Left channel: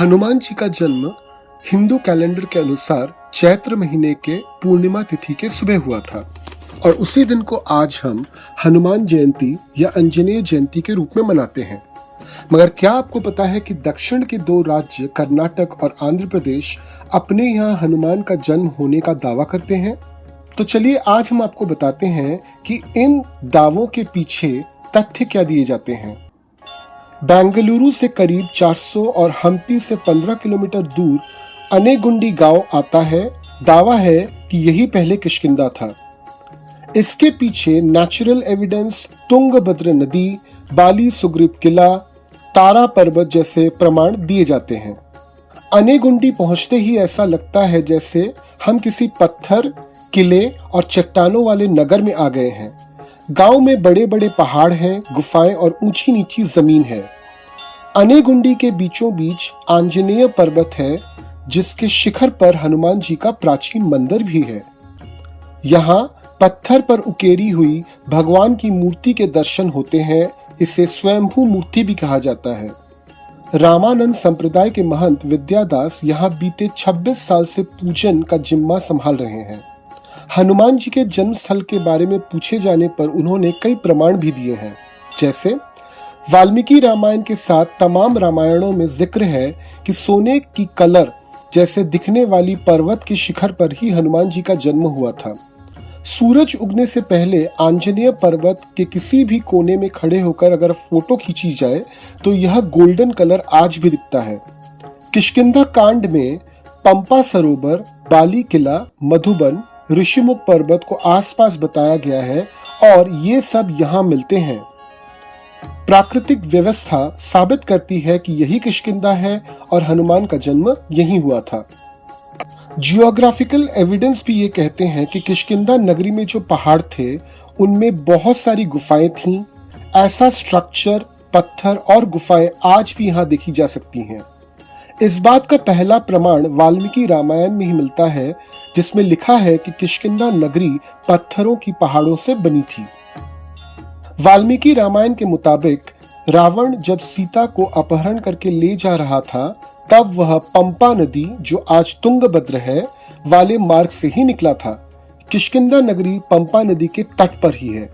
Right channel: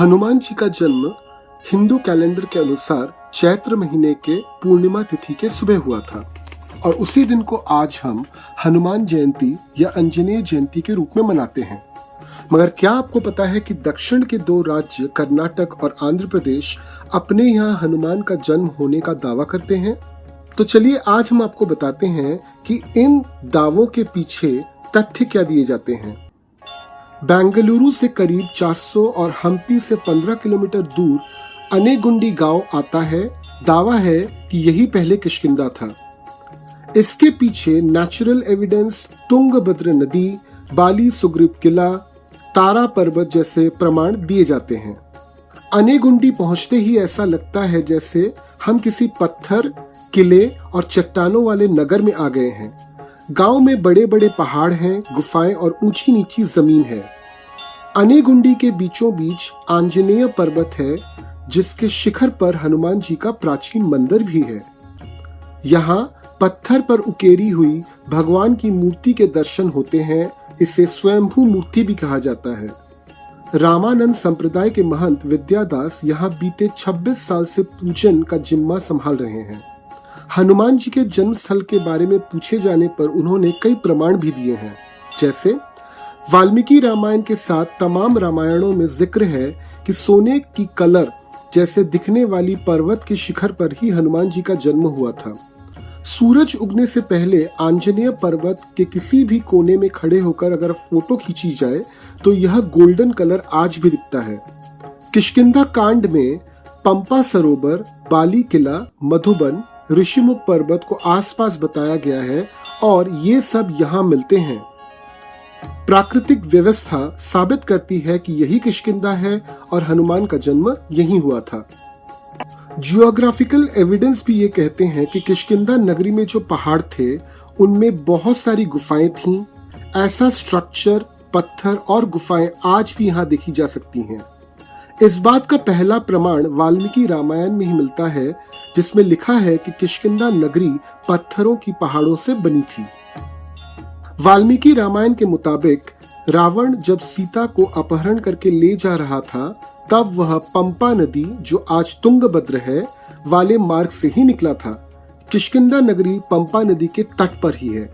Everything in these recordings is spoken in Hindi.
हनुमान जी का जन्म हिंदू कैलेंडर के अनुसार चैत्र महीने के पूर्णिमा तिथि के सुबह हुआ था और उसी दिन को आज हम हनुमान जयंती या आंजनेय जयंती के रूप में मनाते हैं। मगर क्या आपको पता है कि दक्षिण के दो राज्य कर्नाटक और आंध्र प्रदेश अपने यहाँ हनुमान का जन्म होने का दावा करते हैं? तो चलिए आज हम आपको बताते हैं कि इन दावों के पीछे तथ्य क्या दिए जाते हैं। बेंगलुरु से करीब 400 और हम्पी से 15 किलोमीटर दूर अनेगुंडी गांव आता है। दावा है कि यही पहले किष्किंधा था। इसके पीछे नेचुरल एविडेंस, तुंगभद्र नदी, बाली सुग्रीव किला, तारा पर्वत जैसे प्रमाण दिए जाते हैं। अनेगुंडी पहुंचते ही ऐसा लगता है जैसे हम किसी पत्थर, किले और चट्टानों वाले नगर में आ गए हैं। गांव में बड़े बड़े पहाड़ हैं, गुफाएं और ऊंची नीची जमीन है। अनेगुंडी के बीचों बीच आंजनेय पर्वत है, जिसके शिखर पर हनुमान जी का प्राचीन मंदिर भी है। यहाँ पत्थर पर उकेरी हुई भगवान की मूर्ति के दर्शन होते हैं। इसे स्वयंभू मूर्ति भी कहा जाता है। रामानंद संप्रदाय के महंत विद्यादास यहाँ बीते 26 साल से पूजन का जिम्मा संभाल रहे हैं। हनुमान जी के जन्म स्थल के बारे में पूछे जाने पर उन्होंने कई प्रमाण भी दिए हैं। जैसे वाल्मीकि रामायण के साथ तमाम रामायणों में जिक्र है कि सोने की कलर जैसे दिखने वाली पर्वत के शिखर पर ही हनुमान जी का जन्म हुआ था। सूरज उगने से पहले आंजनेय पर्वत के किसी भी कोने में खड़े होकर अगर फोटो खींची जाए तो यह गोल्डन कलर आज भी दिखता है। किष्किंधा कांड में पंपा सरोवर, बाली किला, मधुबन, ऋषिमुख पर्वत को आसपास बताया गया है और ये सब यहाँ मिलते हैं। प्राकृतिक व्यवस्था साबित करती है कि यही किष्किंधा है और हनुमान का जन्म यहीं हुआ था। जियोग्राफिकल एविडेंस भी ये कहते हैं कि किष्किंधा नगरी में जो पहाड़ थे उनमें बहुत सारी गुफाएं थीं। ऐसा स्ट्रक्चर, पत्थर और गुफाएं आज भी यहाँ देखी जा सकती हैं। इस बात का पहला प्रमाण वाल्मीकि रामायण में ही मिलता है, जिसमें लिखा है कि किष्किंधा नगरी पत्थरों की पहाड़ों से बनी थी। वाल्मीकि रामायण के मुताबिक रावण जब सीता को अपहरण करके ले जा रहा था तब वह पंपा नदी, जो आज तुंगभद्र है, वाले मार्ग से ही निकला था। किष्किंधा नगरी पंपा नदी के तट पर ही है।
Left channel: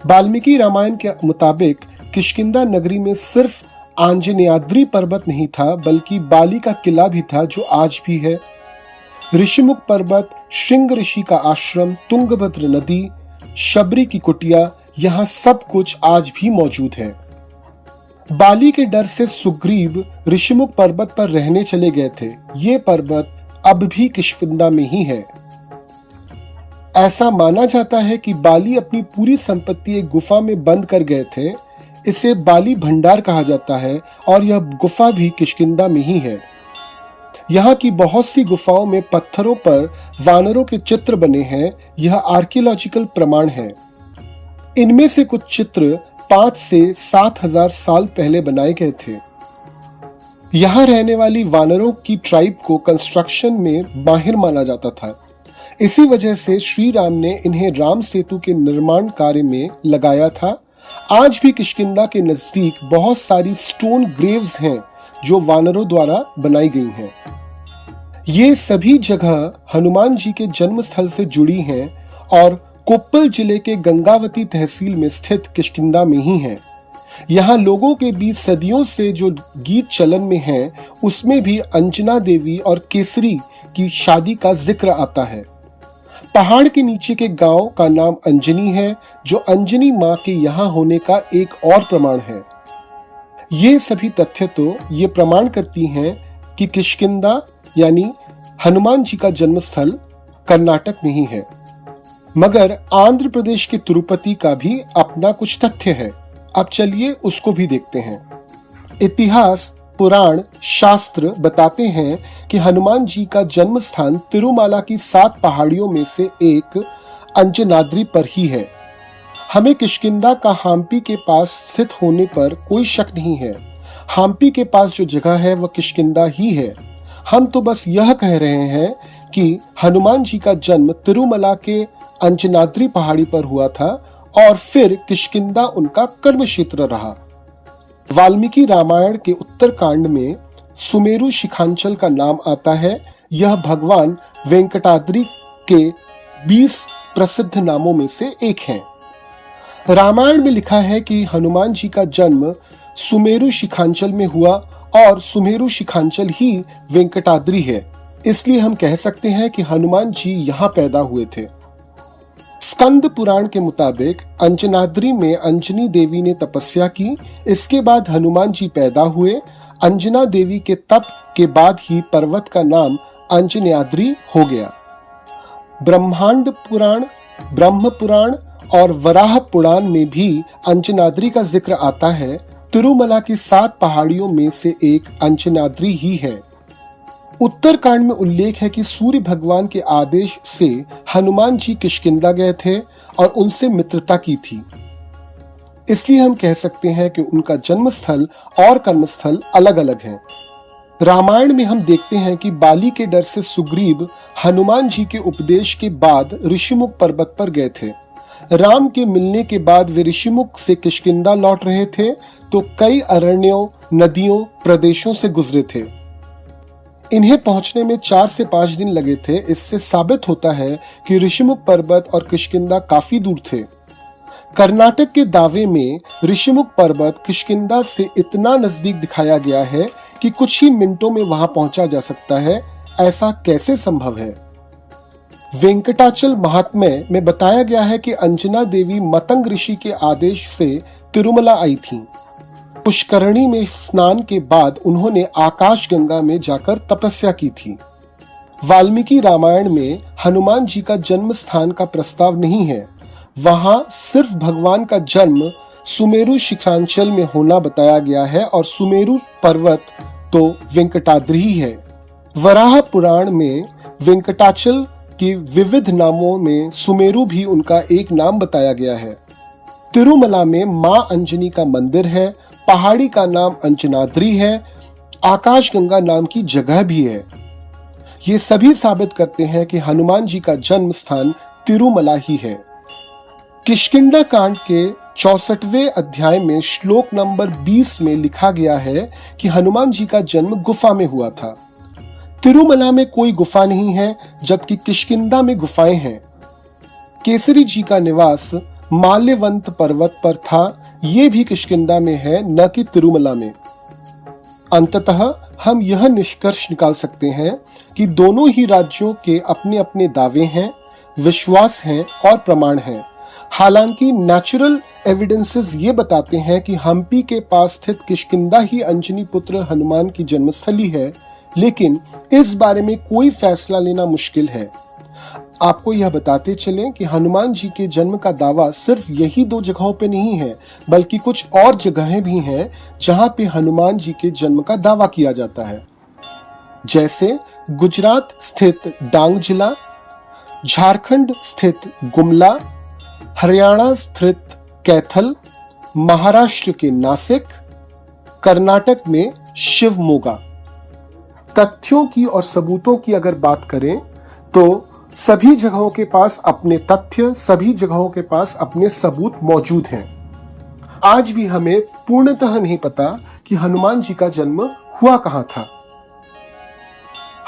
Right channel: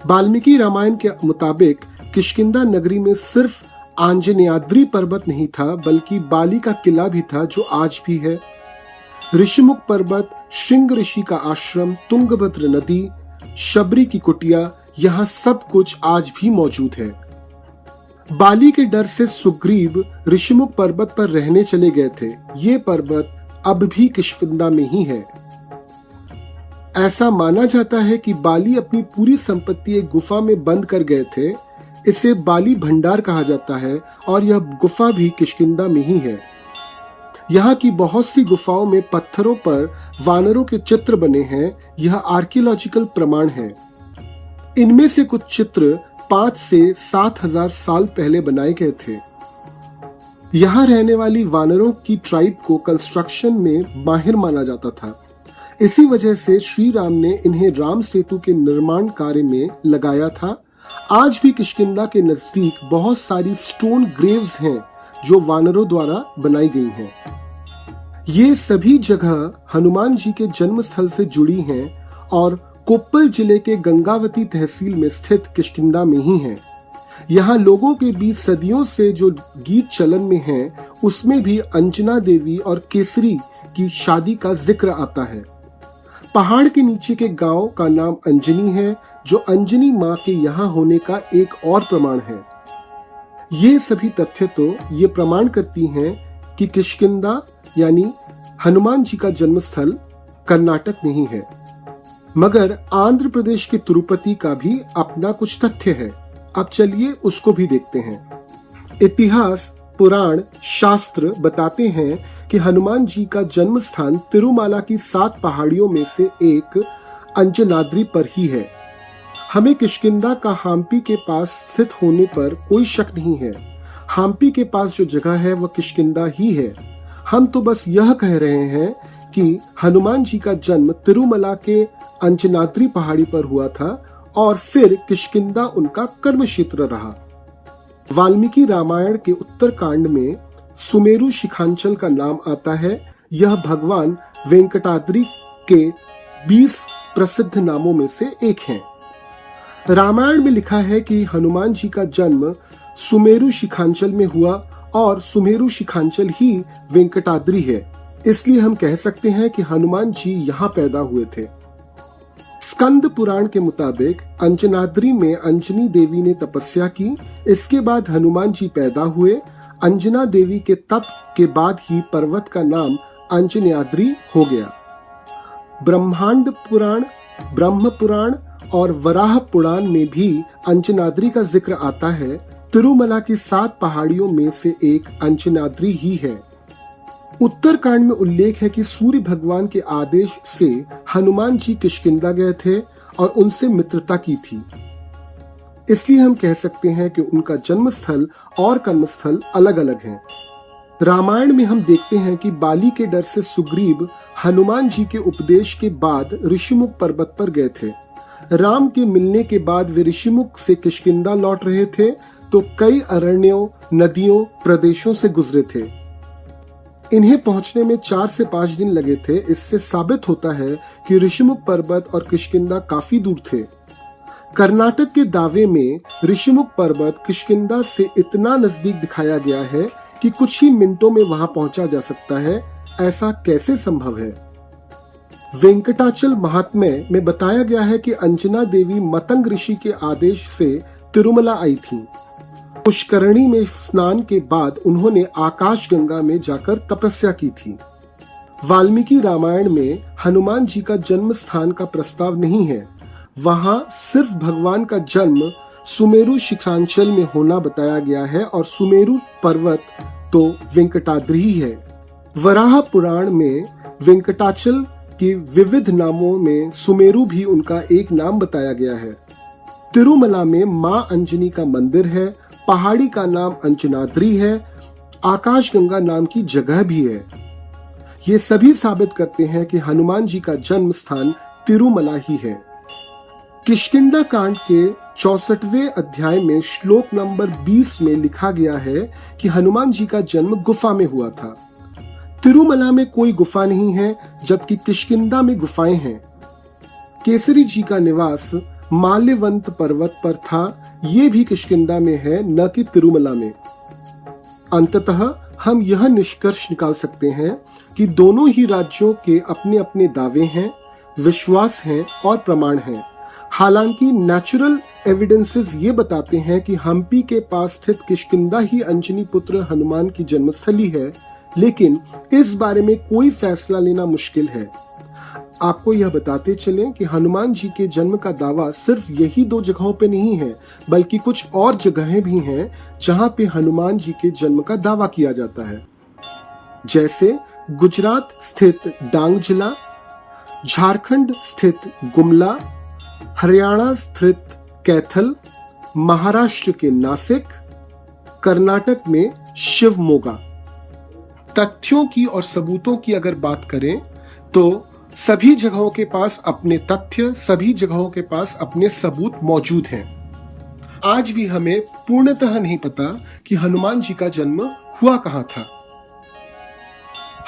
वाल्मीकि रामायण के मुताबिक किष्किंधा नगरी में सिर्फ आंजनेयाद्रि पर्वत नहीं था, बल्कि बाली का किला भी था, जो आज भी है। ऋषिमुख पर्वत, श्रृंग ऋषि का आश्रम, तुंगभद्र नदी, शबरी की कुटिया, यहाँ सब कुछ आज भी मौजूद है। बाली के डर से सुग्रीव ऋषिमुख पर्वत पर रहने चले गए थे। ये पर्वत अब भी किष्किंधा में ही है। ऐसा माना जाता है कि बाली अपनी पूरी संपत्ति एक गुफा में बंद कर गए थे। इसे बाली भंडार कहा जाता है और यह गुफा भी किष्किंधा में ही है। यहाँ की बहुत सी गुफाओं में पत्थरों पर वानरों के चित्र बने हैं। यह आर्कियोलॉजिकल प्रमाण है। इनमें से कुछ चित्र 5 से 7,000 साल पहले बनाए गए थे। यहाँ रहने वाली वानरों की ट्राइब को कंस्ट्रक्शन में माहिर माना जाता था। इसी वजह से श्री राम ने इन्हें राम सेतु के निर्माण कार्य में लगाया था। आज भी किष्किंधा के नजदीक बहुत सारी स्टोन ग्रेव्स हैं जो वानरों द्वारा बनाई गई हैं। ये सभी जगह हनुमान जी के जन्म स्थल से जुड़ी हैं और कोप्पल जिले के गंगावती तहसील में स्थित किष्किंधा में ही हैं। यहाँ लोगों के बीच सदियों से जो गीत चलन में हैं, उसमें भी अंजना देवी और केसरी की शादी का जिक्र आता है। पहाड़ के नीचे के गांव का नाम अंजनी है, जो अंजनी माँ के यहाँ होने का एक और प्रमाण है। ये सभी तथ्य तो ये प्रमाण करती हैं कि किष्किंधा यानी हनुमान जी का जन्मस्थल कर्नाटक में ही है। मगर आंध्र प्रदेश के तिरुपति का भी अपना कुछ तथ्य है। अब चलिए उसको भी देखते हैं। इतिहास, पुराण, शास्त्र बताते हैं कि हनुमान जी का जन्म स्थान तिरुमाला की 7 पहाड़ियों में से एक अंजनाद्रि पर ही है। हमें किष्किंधा का हम्पी के पास स्थित होने पर कोई शक नहीं है। हम्पी के पास जो जगह है वह किष्किंधा ही है। हम तो बस यह कह रहे हैं कि हनुमान जी का जन्म तिरुमला के अंजनाद्रि पहाड़ी पर हुआ था और फिर किष्किंधा उनका कर्म क्षेत्र रहा। वाल्मीकि रामायण के उत्तरकांड में सुमेरु शिखांचल का नाम आता है। यह भगवान वेंकटाद्रि के 20 प्रसिद्ध नामों में से एक है। रामायण में लिखा है कि हनुमान जी का जन्म सुमेरु शिखांचल में हुआ और सुमेरु शिखांचल ही वेंकटाद्रि है, इसलिए हम कह सकते हैं कि हनुमान जी यहाँ पैदा हुए थे। स्कंद पुराण के मुताबिक अंजनाद्रि में अंजनी देवी ने तपस्या की, इसके बाद हनुमान जी पैदा हुए। अंजना देवी के तप के बाद ही पर्वत का नाम अंजन्याद्रि हो गया। ब्रह्मांड पुराण, ब्रह्म पुराण और वराह पुराण में भी अंजनाद्रि का जिक्र आता है। तिरुमला की 7 पहाड़ियों में से एक अंजनाद्रि ही है। उत्तरकांड में उल्लेख है कि सूर्य भगवान के आदेश से हनुमान जी किष्किंधा गए थे और उनसे मित्रता की थी, इसलिए हम कह सकते हैं कि उनका जन्म स्थल और कर्मस्थल अलग अलग हैं। रामायण में हम देखते हैं कि बाली के डर से सुग्रीव हनुमान जी के उपदेश के बाद ऋषिमुख पर्वत पर गए थे। राम के मिलने के बाद वे ऋषिमुख से किष्किंधा लौट रहे थे तो कई अरण्यों, नदियों, प्रदेशों से गुजरे थे। इन्हें पहुंचने में 4 से 5 दिन लगे थे। इससे साबित होता है कि ऋषिमुख पर्वत और किष्किंधा काफी दूर थे। कर्नाटक के दावे में ऋषिमुख पर्वत किष्किंधा से इतना नजदीक दिखाया गया है कि कुछ ही मिनटों में वहां पहुंचा जा सकता है। ऐसा कैसे संभव है? वेंकटाचल महात्म्य में बताया गया है कि अंजना देवी मतंग ऋषि के आदेश से तिरुमला आई थीं। पुष्करणी में स्नान के बाद उन्होंने आकाश गंगा में जाकर तपस्या की थी। वाल्मीकि रामायण में हनुमान जी का जन्म स्थान का प्रस्ताव नहीं है। वहां सिर्फ भगवान का जन्म सुमेरु शिखांचल में होना बताया गया है और सुमेरु पर्वत तो वेंकटाद्रि ही है। वराह पुराण में वेंकटाचल के विविध नामों में सुमेरु भी उनका एक नाम बताया गया है। तिरुमला में मां अंजनी का मंदिर है। पहाड़ी का नाम अंजनाद्रि है। आकाशगंगा नाम की जगह भी है। ये सभी साबित करते हैं कि हनुमान जी का जन्म स्थान तिरुमला ही है। किष्किंधा कांड के 64वें अध्याय में श्लोक नंबर 20 में लिखा गया है कि हनुमान जी का जन्म गुफा में हुआ था। तिरुमला में कोई गुफा नहीं है, जबकि किष्किंधा में गुफाएं हैं। केसरी जी का निवास माल्यवंत पर्वत पर था। ये भी किष्किंधा में है, न कि तिरुमला में। अंततः हम यह निष्कर्ष निकाल सकते हैं कि दोनों ही राज्यों के अपने अपने दावे हैं, विश्वास हैं और प्रमाण हैं। हालांकि नेचुरल एविडेंसेस ये बताते हैं कि हम्पी के पास स्थित किष्किंधा ही अंजनी पुत्र हनुमान की जन्मस्थली है, लेकिन इस बारे में कोई फैसला लेना मुश्किल है। आपको यह बताते चलें कि हनुमान जी के जन्म का दावा सिर्फ यही 2 जगहों पे नहीं है, बल्कि कुछ और जगहें भी हैं जहां पे हनुमान जी के जन्म का दावा किया जाता है, जैसे गुजरात स्थित डांग जिला, झारखंड स्थित गुमला, हरियाणा स्थित कैथल, महाराष्ट्र के नासिक, कर्नाटक में शिवमोगा। तथ्यों की और सबूतों की अगर बात करें तो सभी जगहों के पास अपने तथ्य, सभी जगहों के पास अपने सबूत मौजूद हैं। आज भी हमें पूर्णतः नहीं पता कि हनुमान जी का जन्म हुआ कहां था।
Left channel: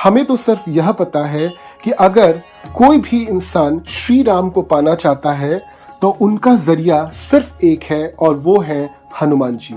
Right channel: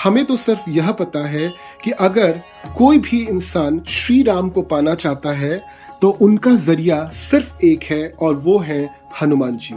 हमें तो सिर्फ यह पता है कि अगर कोई भी इंसान श्री राम को पाना चाहता है तो उनका जरिया सिर्फ एक है और वो है हनुमान जी।